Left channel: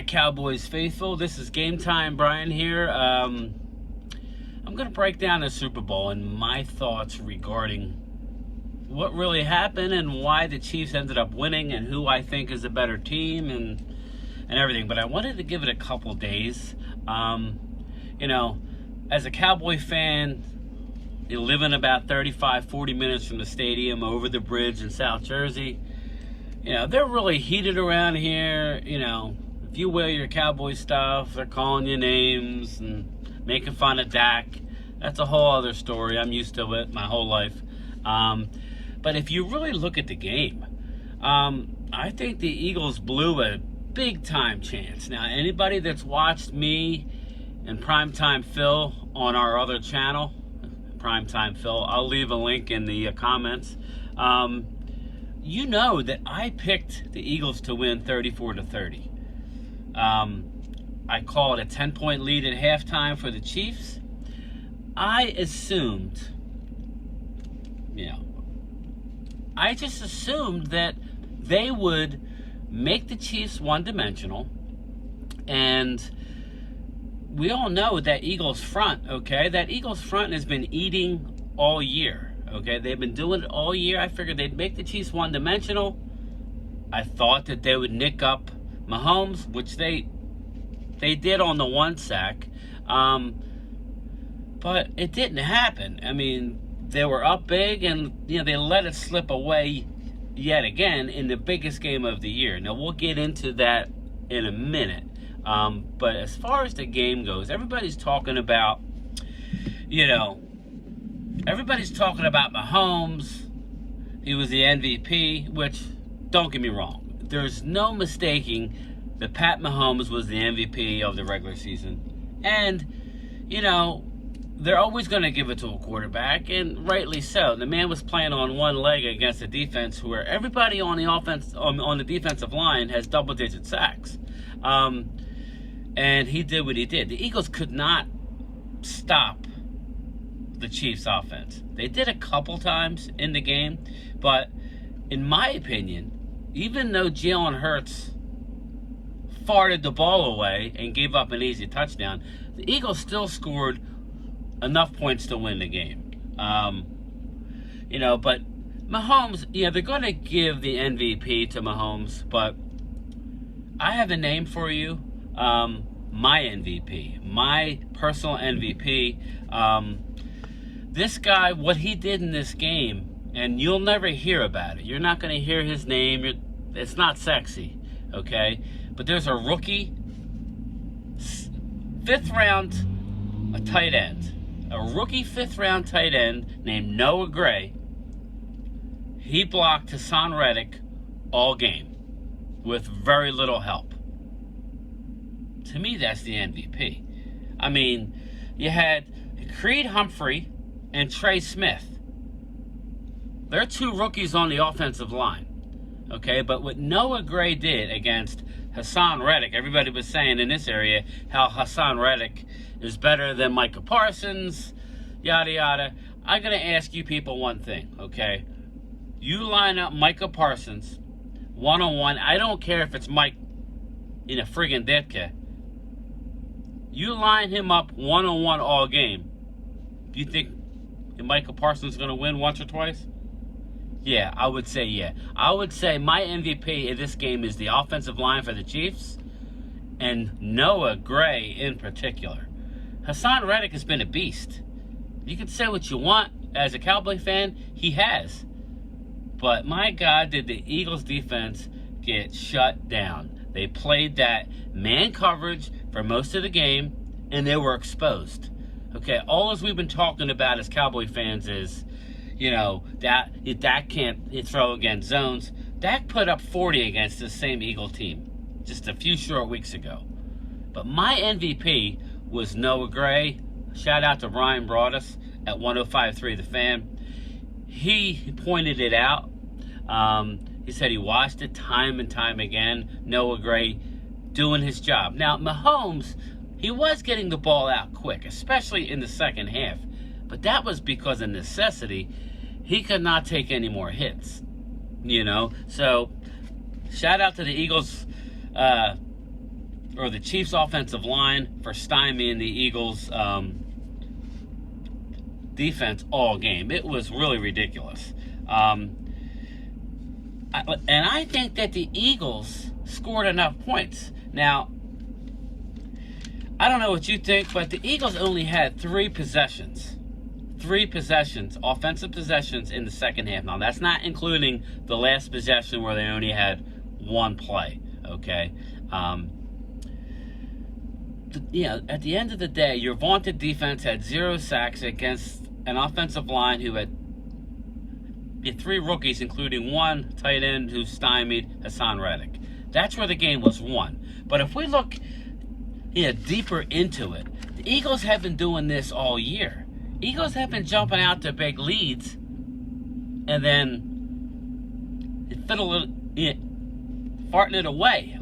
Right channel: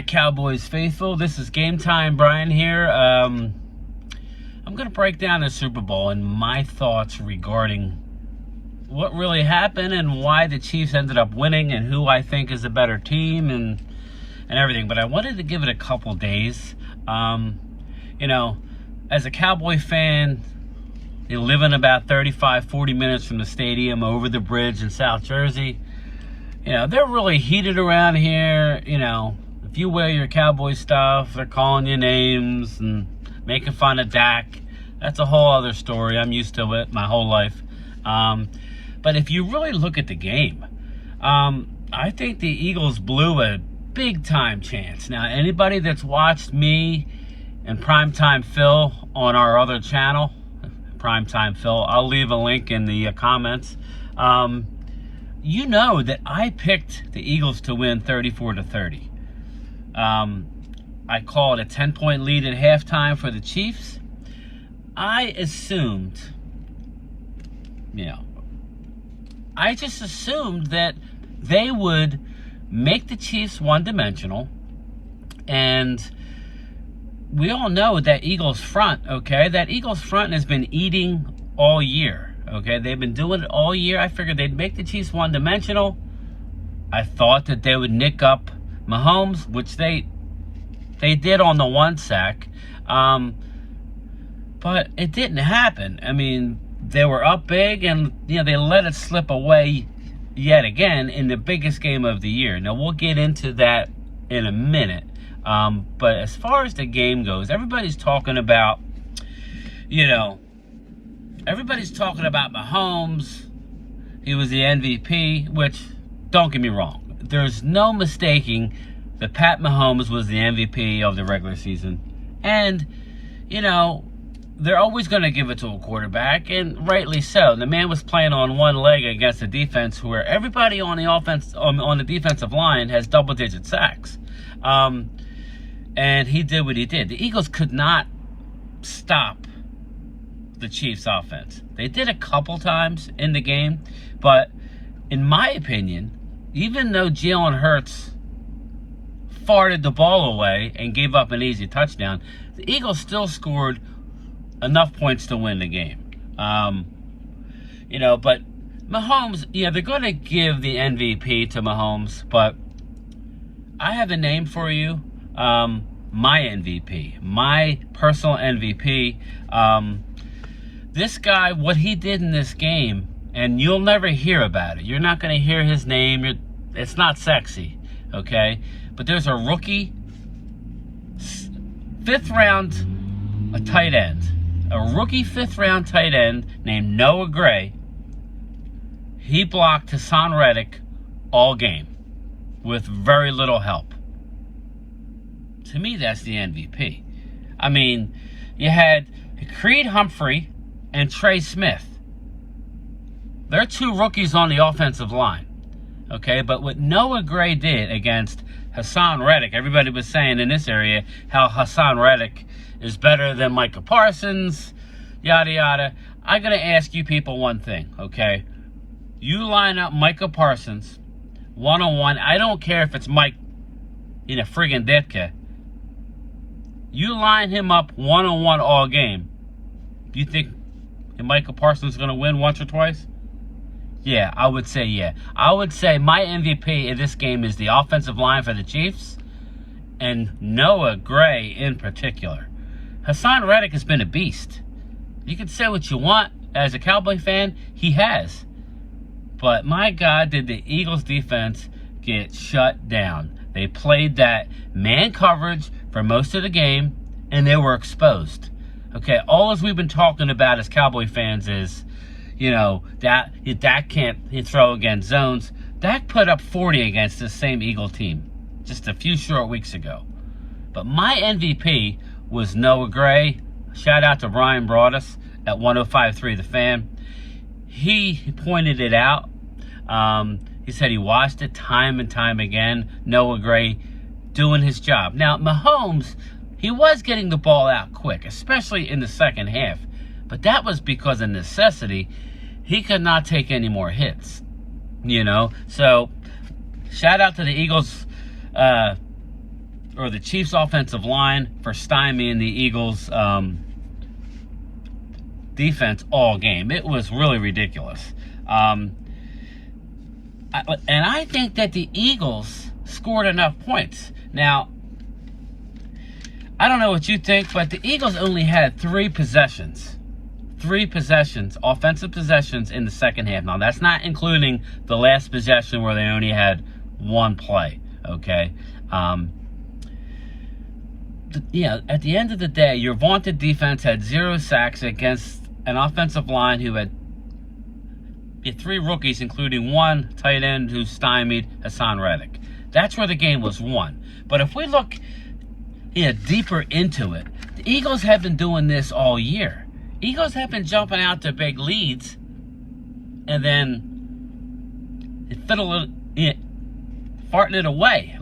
my Cowboys faithful. This is Game Time Brian here. I'm going to break down the Super Bowl and my thoughts regarding what really happened and why the Chiefs ended up winning and who I think is a better team and everything. But I wanted to give it a couple days. As a Cowboy fan, you live in about 35, 40 minutes from the stadium over the bridge in South Jersey. They're really heated around here. If you wear your Cowboy stuff, they're calling you names and making fun of Dak. That's a whole other story. I'm used to it my whole life. But if you really look at the game, I think the Eagles blew a big-time chance. Now, anybody that's watched me and Primetime Phil on our other channel, Primetime Phil, I'll leave a link in the comments. You know that I picked the Eagles to win 34-30. I called a 10-point lead at halftime for the Chiefs. I just assumed that they would make the Chiefs one-dimensional. And we all know that Eagles front, okay? That Eagles front has been eating all year. Okay, they've been doing it all year. I figured they'd make the Chiefs one-dimensional. I thought that they would nick up Mahomes, which they did on the one sack. But it didn't happen. I mean, they were up big, and they let it slip away yet again in the biggest game of the year. Now, we'll get into that in a minute. But as far as the game goes, everybody's talking about, everybody's talking about Mahomes. He was the MVP, which, don't get me wrong, there's no mistaking that Pat Mahomes was the MVP of the regular season. And, they're always going to give it to a quarterback, and rightly so. The man was playing on one leg against a defense where everybody on the offense, on the defensive line has double-digit sacks. And he did what he did. The Eagles could not stop the Chiefs offense. They did a couple times in the game, but in my opinion, even though Jalen Hurts farted the ball away and gave up an easy touchdown, the Eagles still scored enough points to win the game. But Mahomes, they're going to give the MVP to Mahomes, but I have a name for you. My MVP, my personal MVP. This guy, what he did in this game, and you'll never hear about it. You're not going to hear his name. It's not sexy, okay? But there's a rookie, fifth-round tight end. A rookie fifth-round tight end named Noah Gray. He blocked Hassan Reddick all game with very little help. To me, that's the MVP. I mean, you had Creed Humphrey and Trey Smith. They're two rookies on the offensive line. Okay, but what Noah Gray did against Hassan Reddick, everybody was saying in this area how Hassan Reddick is better than Micah Parsons, yada, yada. I'm going to ask you people one thing, okay? You line up Micah Parsons one-on-one. I don't care if it's Mike in a friggin' Ditka. You line him up one-on-one all game. You think Micah Parsons is going to win once or twice? Yeah, I would say yeah. I would say my MVP in this game is the offensive line for the Chiefs and Noah Gray in particular. Hassan Reddick has been a beast. You can say what you want as a Cowboy fan. He has. But my God, did the Eagles defense get shut down. They played that man coverage for most of the game, and they were exposed. Okay, all as we've been talking about as Cowboy fans is, Dak can't throw against zones. Dak put up 40 against this same Eagle team just a few short weeks ago. But my MVP was Noah Gray. Shout out to Brian Broadus at 105.3 The Fan. He pointed it out. He said he watched it time and time again. Noah Gray doing his job. Now, Mahomes, he was getting the ball out quick, especially in the second half. But that was because of necessity. He could not take any more hits, So, shout out to the Eagles or the Chiefs' offensive line for stymieing the Eagles' defense all game. It was really ridiculous. And I think that the Eagles scored enough points. Now, I don't know what you think, but the Eagles only had 3 possessions. 3 possessions, offensive possessions in the second half. Now, that's not including the last possession where they only had 1 play, okay? At the end of the day, your vaunted defense had 0 sacks against an offensive line who had 3 rookies, including 1 tight end who stymied Hassan Reddick. That's where the game was won. But if we look deeper into it, the Eagles have been doing this all year. Eagles have been jumping out to big leads and then farting it away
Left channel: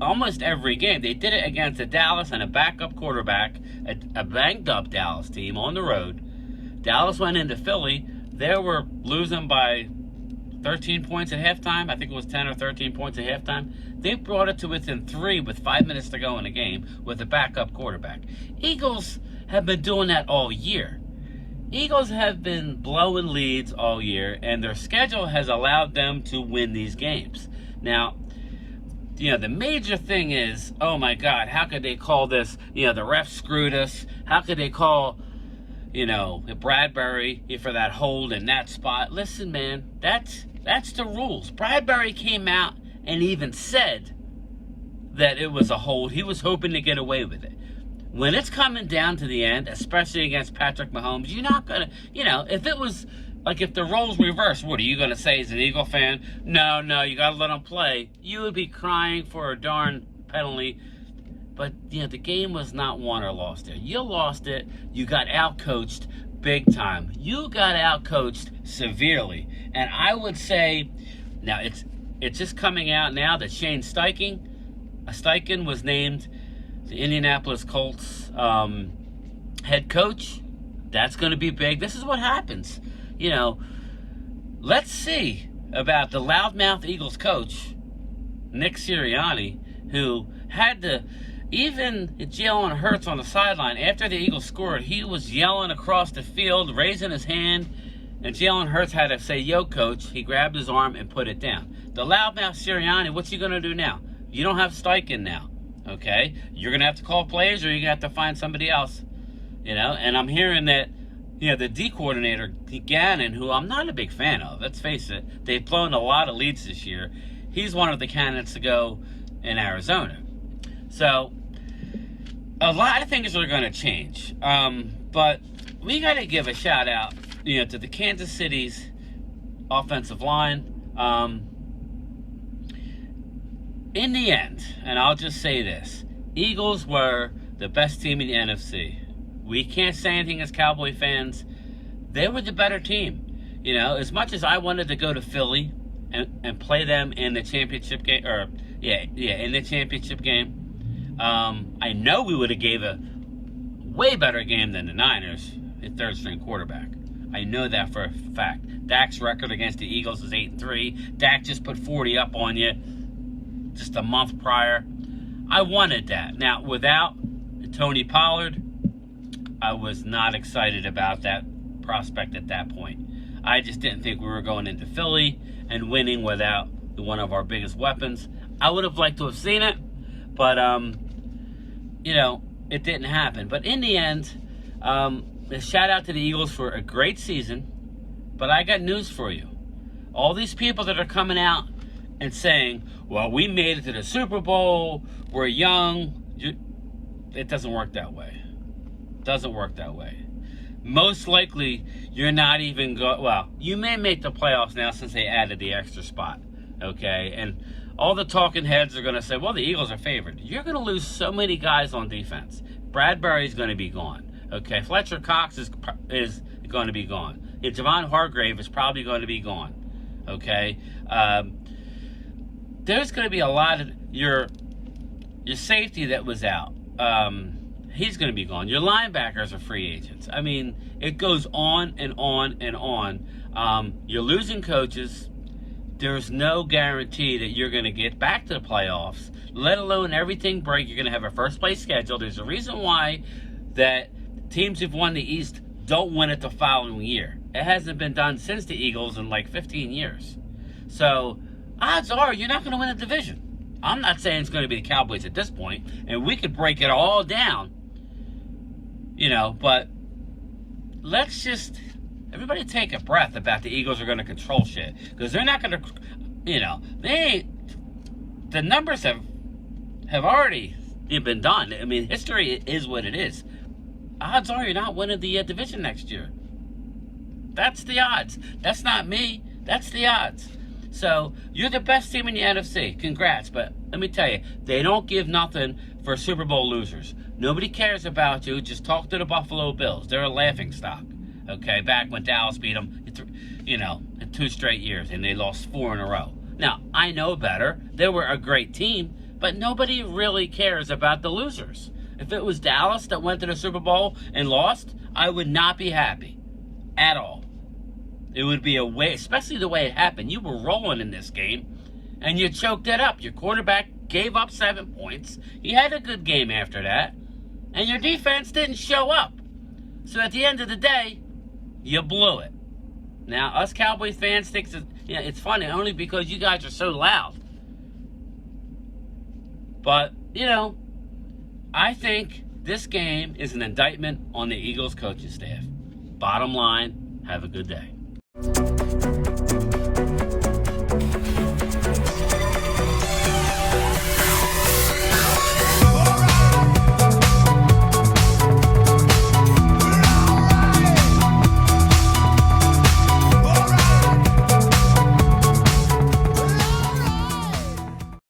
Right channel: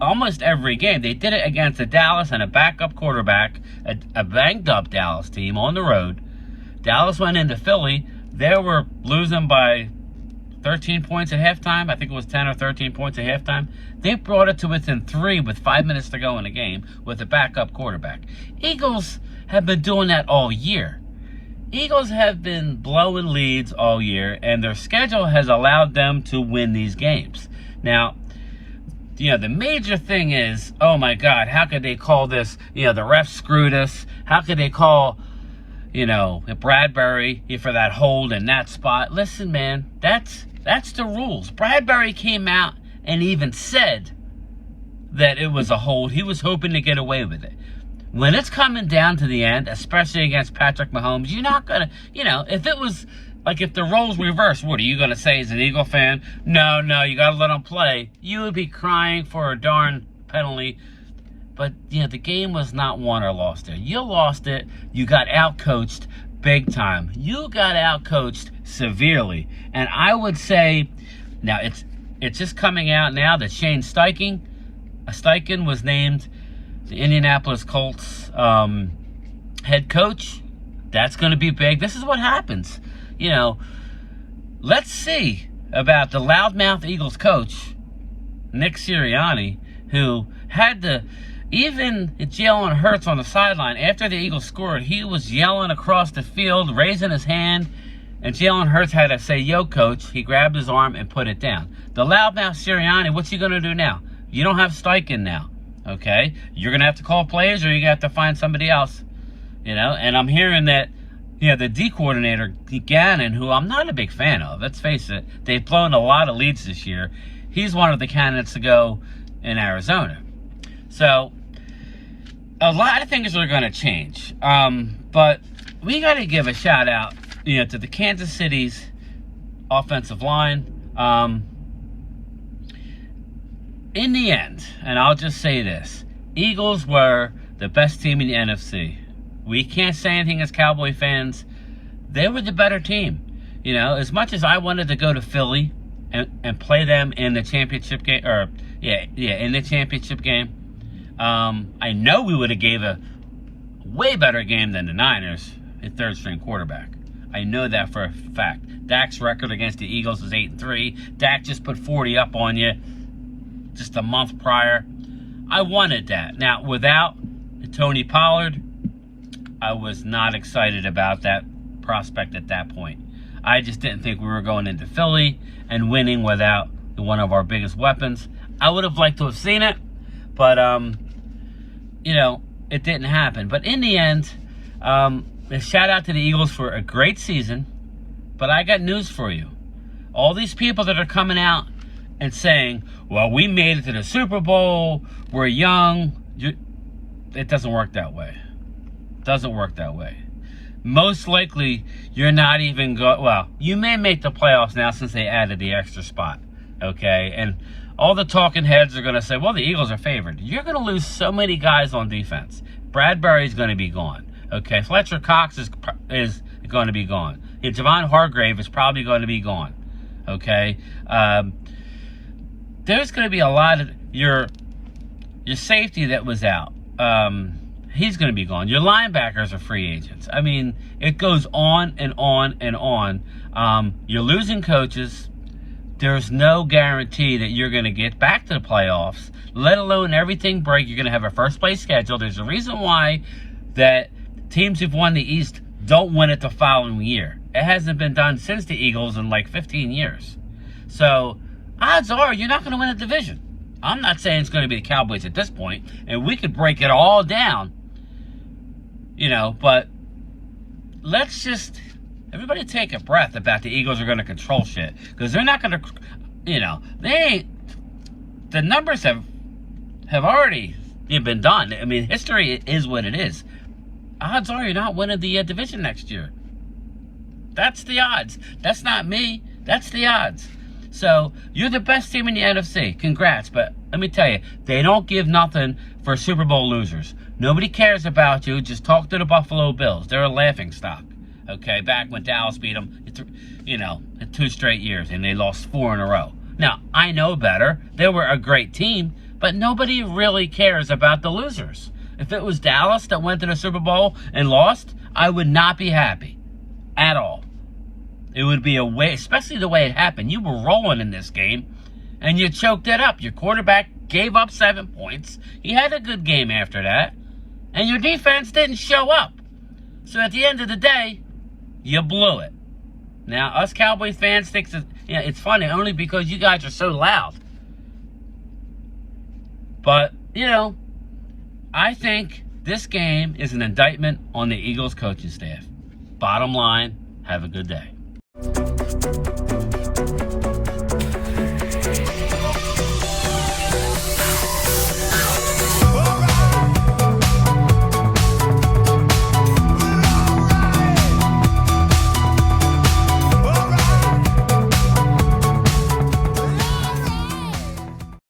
almost every game. They did it against the Dallas and a backup quarterback, a banged-up Dallas team on the road. Dallas went into Philly. They were losing by 13 points at halftime. I think it was 10 or 13 points at halftime. They brought it to within 3 with 5 minutes to go in the game with a backup quarterback. Eagles have been doing that all year. Eagles have been blowing leads all year, and their schedule has allowed them to win these games. Now, the major thing is, oh my God, how could they call this? The refs screwed us. How could they call, Bradbury for that hold in that spot? Listen, man, that's the rules. Bradbury came out and even said that it was a hold. He was hoping to get away with it. When it's coming down to the end, especially against Patrick Mahomes, you're not going to, if it was, if the roles reversed, what are you going to say as an Eagle fan? No, you got to let them play. You would be crying for a darn penalty. But, the game was not won or lost there. You lost it. You got out-coached big time. You got out-coached severely. And I would say, now it's just coming out now that Shane Steichen was named the Indianapolis Colts head coach. That's going to be big. This is what happens. Let's see about the loudmouth Eagles coach, Nick Sirianni, who had to, even Jalen Hurts on the sideline, after the Eagles scored, he was yelling across the field, raising his hand, and Jalen Hurts had to say, yo, coach. He grabbed his arm and put it down. The loudmouth Sirianni, what's he going to do now? You don't have Steichen now. Okay, you're going to have to call plays or you're going to have to find somebody else, and I'm hearing that, the D coordinator, Gannon, who I'm not a big fan of, let's face it, they've blown a lot of leads this year. He's one of the candidates to go in Arizona. So, a lot of things are going to change, but we got to give a shout out, to the Kansas City's offensive line. In the end, and I'll just say this, Eagles were the best team in the NFC. We can't say anything as Cowboy fans. They were the better team. As much as I wanted to go to Philly and play them in the championship game, in the championship game, I know we would have gave a way better game than the Niners, a third-string quarterback. I know that for a fact. Dak's record against the Eagles is 8-3. Dak just put 40 up on you just a month prior. I wanted that. Now, without Tony Pollard, I was not excited about that prospect at that point. I just didn't think we were going into Philly and winning without one of our biggest weapons. I would have liked to have seen it, but, it didn't happen. But in the end, a shout out to the Eagles for a great season, but I got news for you. All these people that are coming out and saying, well, we made it to the Super Bowl, we're young. It doesn't work that way. Doesn't work that way. Most likely, you're not even you may make the playoffs now since they added the extra spot, okay? And all the talking heads are going to say, well, the Eagles are favored. You're going to lose so many guys on defense. Bradbury's going to be gone, okay? Fletcher Cox is going to be gone. Javon Hargrave is probably going to be gone, okay? There's going to be a lot of your safety that was out. He's going to be gone. Your linebackers are free agents. I mean, it goes on and on and on. You're losing coaches. there's no guarantee that you're going to get back to the playoffs, let alone everything break. You're going to have a first place schedule. There's a reason why that teams who've won the East don't win it the following year. It hasn't been done since the Eagles in like 15 years. So odds are you're not going to win a division. I'm not saying it's going to be the Cowboys at this point, and we could break it all down, but let's just, everybody take a breath about the Eagles are going to control shit, because they're not going to, the numbers have already been done. I mean, history is what it is. Odds are you're not winning the division next year. That's the odds. That's not me. That's the odds. So, you're the best team in the NFC. Congrats. But let me tell you, they don't give nothing for Super Bowl losers. Nobody cares about you. Just talk to the Buffalo Bills. They're a laughing stock. Okay, back when Dallas beat them, in 2 straight years, and they lost 4 in a row. Now, I know better. They were a great team, but nobody really cares about the losers. If it was Dallas that went to the Super Bowl and lost, I would not be happy at all. It would be a way, especially the way it happened. You were rolling in this game, and you choked it up. Your quarterback gave up 7 points. He had a good game after that, and your defense didn't show up. So at the end of the day, you blew it. Now, us Cowboy fans think it's funny only because you guys are so loud. But, I think this game is an indictment on the Eagles coaching staff. Bottom line, have a good day.